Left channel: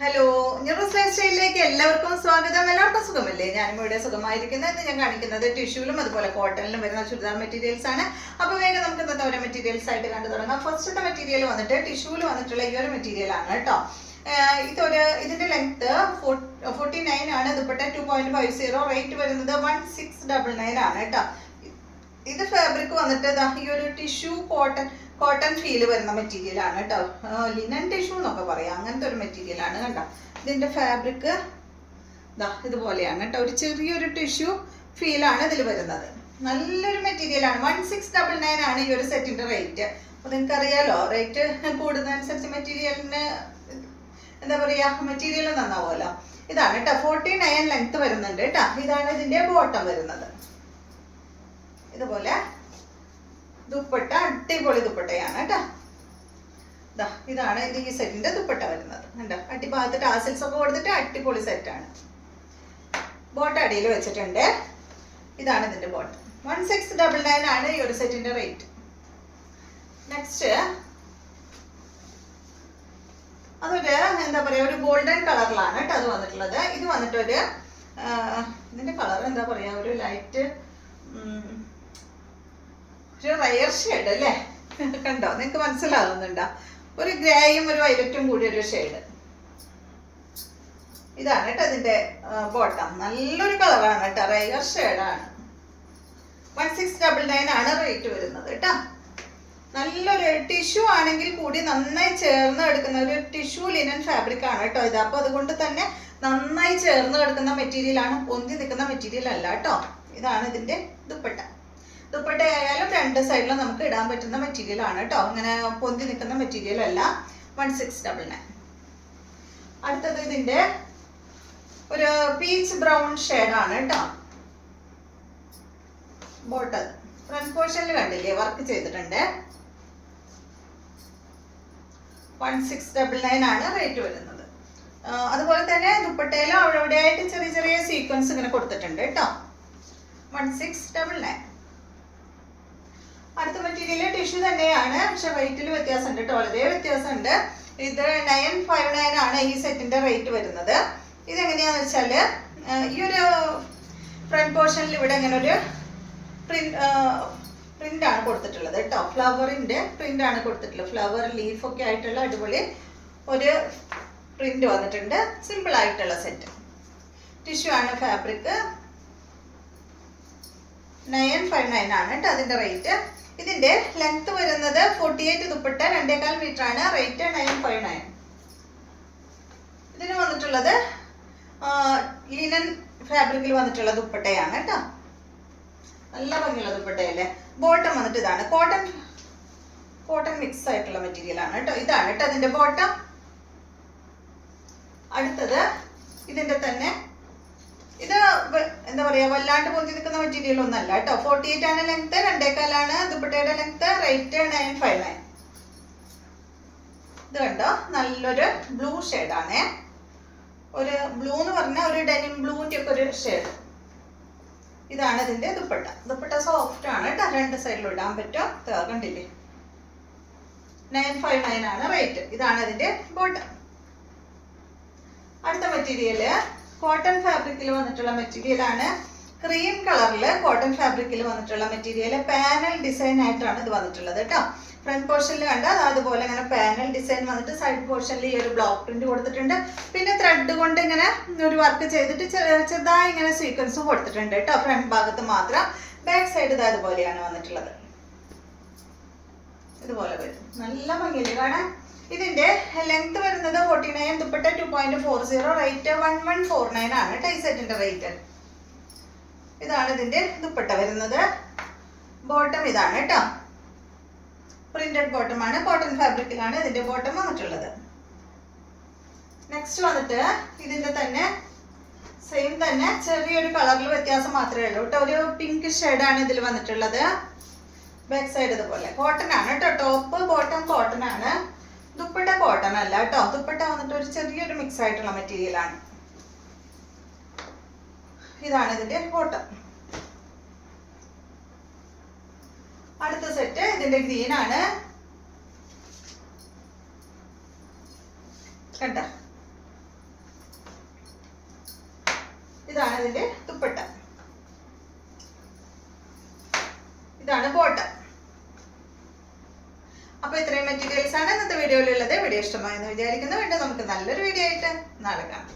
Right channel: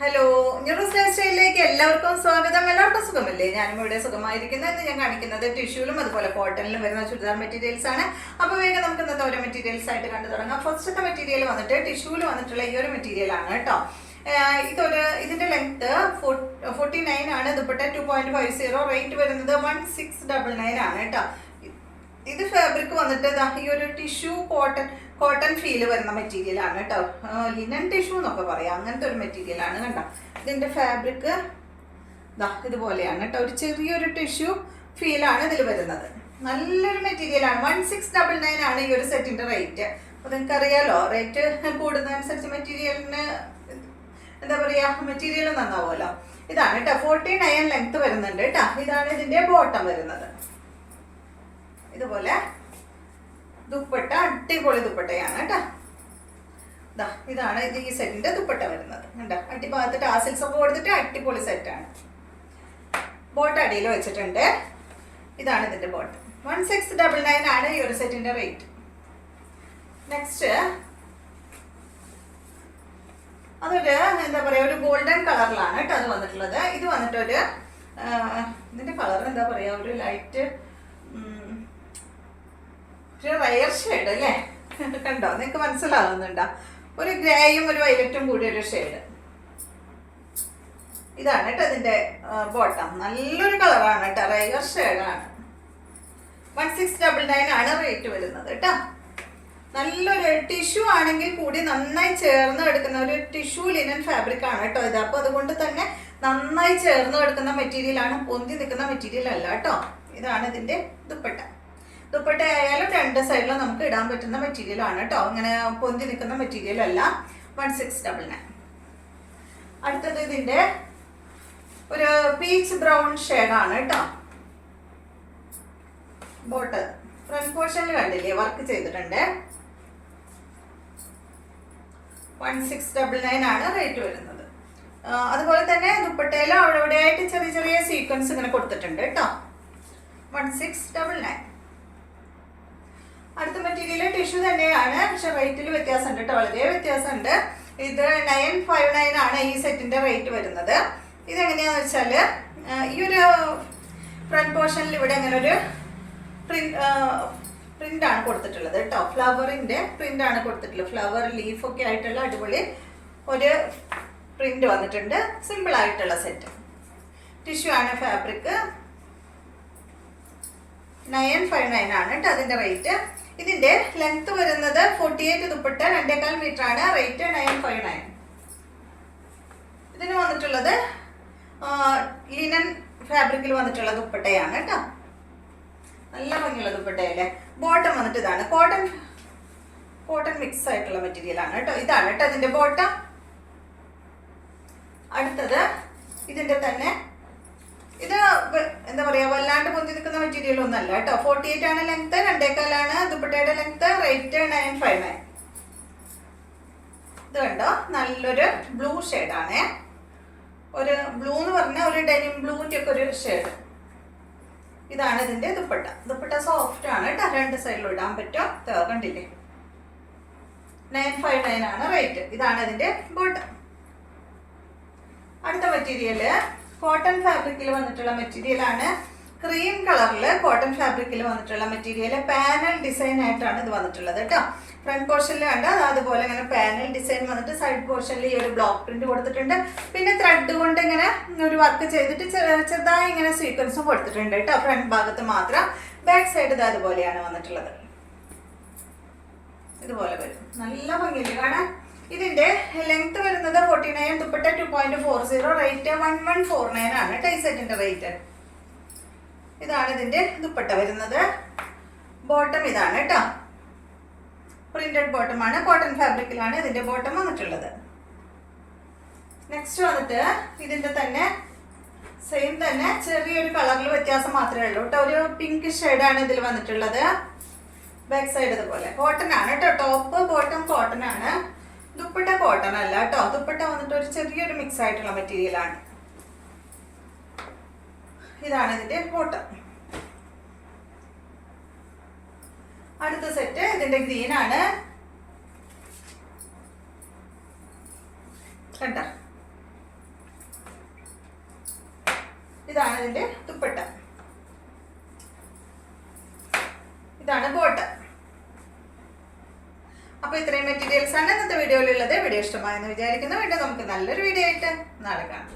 Hello, ന്യൂറോസ് life സ്റ്റൈലിലേക്ക് എല്ലാവർക്കും സ്വാഗതം. എല്ലാവർക്കും സുഖമല്ലേ? ഞാനും ഇവിടെ സുഖമായിരിക്കുന്നത്. ഇന്ന് ഞാൻ കാണിക്കുന്നത് ടിഷ്യൂലും അതുപോലെ കോട്ടണിലും വരുന്ന ചുരിദാർ മെറ്റീരിയൽസ് ആണ്. അപ്പോൾ വേഗം നമുക്ക് ഇന്നത്തെ ഓരോ മെറ്റീരിയൽസ് ആയിട്ട് കണ്ടു തുടങ്ങാം. ഫസ്റ്റത്തെ മെറ്റീരിയൽ വന്നിട്ട് ടിഷ്യൂല് വന്നിട്ടുള്ള ഈ ഒരു മെറ്റീരിയൽ ആണ് കേട്ടോ. ഇതിന്റെ ലെങ്ത് 49 ആണ്. ദുപ്പട്ട 2.50, റേറ്റ് വരുന്നത് 1699 ആണ് കേട്ടോ. ഇത് ഫാബ്രിക് വന്നിട്ട് ഈ ഒരു ടിഷ്യൂ കോട്ടൺ ഫീല് വരുന്ന മെറ്റീരിയൽ ആണ് കേട്ടോ. ലിനൻ ടിഷ്യൂ എന്നൊക്കെ പറയാം, അങ്ങനത്തെ ഒരു മെറ്റീരിയൽ ആണ്. കണ്ടോ, ഇതിന്റെ ഫാബ്രിക് ഇതുപോലെയാണ് കേട്ടോ. ഒരു ചെറിയൊരു ടിഷ്യൂ ഫീലാണ് ഇതിൽ വരുന്നത്. നല്ലൊരു മെറ്റീരിയൽ ആണ്. 1699 ആണ് ഈ ഒരു സെറ്റിന്റെ റേറ്റ്. അപ്പൊ നിങ്ങൾക്ക് അറിയാലോ, റേറ്റ് കൂടുന്നതനുസരിച്ച് മെറ്റീരിയലിന് എന്താ പറയാ, മെറ്റീരിയൽ നന്നാവുമല്ലോ. ഇതാണ് കേട്ടോ, 49 ലെങ്ത് വരുന്നുണ്ട് കേട്ടോ. ഇതാണ് ഇതിന്റെ ബോട്ടം വരുന്നത്. ഇതുപോലെ ദുപ്പട്ട അടിപൊളി ദുപ്പട്ടയാണ് കേട്ടോ. ഇതാണ് ഇത് ഈ സെറ്റിന്റെ ദുപ്പട്ട വരുന്നത്. കണ്ടോ, അടിഭാഗത്ത് ടാസിൽസ് ഒക്കെ കൊടുത്തിട്ട് അടിപൊളി സെറ്റാണ്. ബോട്ടം അടിയിൽ വെച്ചിട്ടുണ്ട്. ഇതാണ് ഇതിന്റെ ബോട്ടം. 1699 ആണ് ഈ ഒരു സെറ്റിന്റെ റേറ്റ്. നെക്സ്റ്റ് അതൊരു എന്താ പറയാ, ഒരു ഗോൾഡൻ കളറിലാണ് കേട്ടോ അത് വന്നിട്ടുള്ളത്. ഇത് വന്നിട്ടൊരു ഇതിന്റെ കളർ എന്താ പറയാ, ഒരു ലൈറ്റ് ഒരു റയർ ഷെയ്ഡ് അല്ലേ. കണ്ടോ, നിങ്ങൾക്ക് മനസ്സിലാകുന്നുണ്ടോ? ഒരു ഗ്രേയും ഒരു വൈലറ്റും കൂടി ഒരു ഷെയ്ഡ്. ഇതാണ് കേട്ടോ ഇതിന്റെ ബോട്ടം. നല്ലൊരു കളറാണ് കേട്ടോ, റയർ ഷെയ്ഡാണ്. 1699 ആണ് റേറ്റ് വരുന്നത് കേട്ടോ. നല്ലൊരു ടിഷ്യൂ ആണെങ്കിൽ കൂടി നന്നായി ചേർന്ന് എടുക്കുന്ന ഒരു ടിഷ്യൂ ലിനൻ ഫാബ്രിക് ആണ് കേട്ടോ ഇത്. അപ്പൊ അതുകൊണ്ട് തന്നെ നന്നായി ചേർന്ന് എടുക്കുന്ന മെറ്റീരിയൽ ആണ്, പൊന്തി നിൽക്കുന്ന മെറ്റീരിയൽ അല്ല കേട്ടോ. ഇതാണ് ഇതിന്റെ ദുപ്പട്ട. ദുപ്പട്ടയായാലും രണ്ട് സൈഡിലും നമുക്ക് ഇടാൻ പറ്റുന്ന മെറ്റീരിയൽ ആണ് കേട്ടോ. അങ്ങനെ പൊന്തി നിൽക്കുന്ന മെറ്റീരിയൽ അല്ല. 1699. അടുത്തത് ഇതിന്റെ ഒരു പീച്ച് ബ്രൗൺ ഷെയ്ഡാണ് കേട്ടോ. ബോട്ടം ഫ്രണ്ട് പോർഷനിൽ കണ്ടില്ലേ, വർക്ക് ചെയ്തിട്ടുണ്ട്. 1699 ആണ് റേറ്റ് വരുന്നത്. അതുപോലെ തന്നെ ദുപ്പട്ടയിലും അവിടെ ആയിട്ട് ചെറിയ ചെറിയ സീക്വൻസ് ഇങ്ങനെ കൊടുത്തിട്ടുണ്ട് കേട്ടോ. 1699. അടുത്ത മെറ്റീരിയൽ ടിഷ്യൂ തന്നെയാണ്, പക്ഷെ റേറ്റിൽ വ്യത്യാസമുണ്ട് കേട്ടോ, വളരെ വ്യത്യാസമുണ്ട്. ഇത് 959 ആണ് ഈ സെറ്റിന്റെ റേറ്റ് വരുന്നത്. ഇതെങ്ങനെയാന്ന് വെച്ചാല് ഈ ഒരു ഫ്രണ്ട് പോർഷനിൽ ഇവിടെ അങ്ങനെ ഒരു പ്രിന്റ് ആണ് കൊടുത്തിട്ടുള്ളത് കേട്ടോ. ഫ്ലവറിന്റെ പ്രിന്റ് ആണ് കൊടുത്തിട്ടുള്ളത്. ഫ്ലവർ ലീഫ് ഒക്കെ ആയിട്ടുള്ള അടിപൊളി ഒരു പ്രിന്റ് വന്നിട്ടുണ്ട്. സിമ്പിൾ ആയിട്ടുള്ള സെറ്റ്. ടിഷ്യൂ ആണ് ഫാബ്രിക്. 959 ആണ് കേട്ടോ അതിന്റെ റേറ്റ്. ഇതിന്റെ ലെങ്ത് വരുന്നത് 48, ദുപ്പട്ട 2.25 മീറ്റർ ആണ്. റേറ്റ് 959. ഇതിന് വന്നിട്ടുള്ളത് ലിനൻ ഫാബ്രിക്കിൽ വന്നിട്ടുള്ള ദുപ്പട്ടയാണ് കേട്ടോ. നല്ല ഭംഗിയുള്ള ദുപ്പട്ടയല്ലേ. ബോട്ടം വന്നിട്ട് ഇതാണ്, കോട്ടൺ മിക്സ് ആയിട്ടുള്ള മെറ്റീരിയൽ ആണ് കേട്ടോ. ഇതാണ് കേട്ടോ ഇതിന്റെ ബോട്ടം. അടുത്തത് ഇതിന്റെ തന്നെ ഇത് എന്താ പറയാ, വല്ലാണ്ട് പൊന്തി നിൽക്കുന്ന മെറ്റീരിയൽ ഒന്നല്ല കേട്ടോ. 48 ആണ് ലെങ്ത്, 2.25 ആണ് ദുപ്പട്ടയുടെ ലെങ്ത്. റേറ്റ് 959. ഇത് കണ്ടോ, നല്ലൊരു ബ്ലൂ ഷെയ്ഡാണേ. ഒരു ബ്ലൂ എന്ന് പറഞ്ഞാൽ ഒരു ഡെനിം ബ്ലൂവിന്റെ ഒക്കെ ഒരു ഷെയ്ഡ്. ഇതാണ് ഇതിന്റെ ദുപ്പട്ട. ദുപ്പട്ട സോഫ്റ്റ് ആണ് കേട്ടോ, രണ്ട് സൈഡിലും ഇടാൻ പറ്റും. കണ്ടില്ലേ, 959 ആണ് റേറ്റ്. ഇതാണ് ഇതിന്റെ ബോട്ടം. അടുത്ത മെറ്റീരിയല് കോട്ടൺ ഫാബ്രിക്കിൽ വന്നിട്ടുള്ള മെറ്റീരിയൽ ആണ്. ക്രീം കളറില് കോട്ടൺ ഫാബ്രിക്കിൽ വന്നിട്ടുള്ള മെറ്റീരിയൽ. പാനൽ ഡിസൈൻ ആയിട്ടാണ് ഇത് വന്നിട്ടുള്ളത് കേട്ടോ. ഫ്രണ്ട് പോർഷനിൽ കണ്ട അതുപോലെ ഇങ്ങനെ പാനൽ ഡിസൈൻ വന്നിട്ട് സൈഡ് പോർഷനിൽ ഈ ഒരു ബ്ലോക്ക് പ്രിന്റ് കൊടുത്തിട്ടുണ്ട്. പിന്നെ ത്രെഡ് കൊണ്ട് ഇങ്ങനെ ഒരു വർക്ക് ചെയ്തിട്ട് ചെറുതായി ഇങ്ങനെ സീക്വൻസും കൊടുത്തിട്ടുണ്ട് കേട്ടോ, ഫ്രണ്ട് ഭാഗത്ത് മാത്രം. ബാക്ക് സൈഡ് ഇത് അതുപോലെയാണ് വന്നിട്ടുള്ളത്. ഇതുപോലെ വരും. നല്ല ഭംഗിയില്ലേ കാണാൻ. ഇതിന്റെ ലെങ്ത് വരുന്നത് 49, ദുപ്പട്ട 2.40, റേറ്റ് 1149 ആണ് കേട്ടോ ഈ സെറ്റിന്റെ റേറ്റ്. ഇതാണ് ഇതിന്റെ ദുപ്പട്ട വരുന്നത്. ബോട്ടം ഇതാണ് കേട്ടോ, പ്രിന്റഡ് ബോട്ടം ആണ്. കോട്ടൺ ഫാബ്രിക്കിലാണ് ഇതിന്റെ ബോട്ടം വന്നിട്ടുള്ളത്. നെക്സ്റ്റ് വന്നിട്ട് ഇതിന്റെ തന്നെ സെയിം തന്നെ ചെറിയൊരു കളറിൽ വ്യത്യാസം മാത്രമേ ഉള്ളൂ കേട്ടോ. ഒരു പിങ്ക് ഷെയ്ഡാണ് ഇതിൽ വന്നിട്ടുള്ളത്. ബാക്ക് സൈഡ് ഇതുപോലെ കോട്ടൺ ആണ് കേട്ടോ. ടോപ്പ് ബോട്ടം കോട്ടൺ ആണ്. ദുപ്പട്ട കോട്ടൺ അല്ല കേട്ടോ. ദുപ്പട്ട വന്നിട്ട് ഒരു ചെറിയൊരു മിക്സ് ആയിട്ടുള്ള മെറ്റീരിയൽ ആണ്. ഇതാണ് ഇതിന്റെ ബോട്ടം. അടുത്ത സെറ്റ് ഇതിന്റെ ഗ്രീൻ ആണ്. കണ്ട ഇതാണ് ഇതിന്റെ ദുപ്പട്ട, ഇതാണ് ബോട്ടം. അപ്പൊ ഇത്രയും മെറ്റീരിയൽസ് ആണ് ഇന്നത്തെ വീഡിയോയിലുള്ളത്. വീഡിയോ ഇഷ്ടമായെന്ന് വിചാരിക്കുന്നു. വീണ്ടും നമുക്ക് നല്ലൊരു വീഡിയോ ആയിട്ട് നാളെ കാണാം.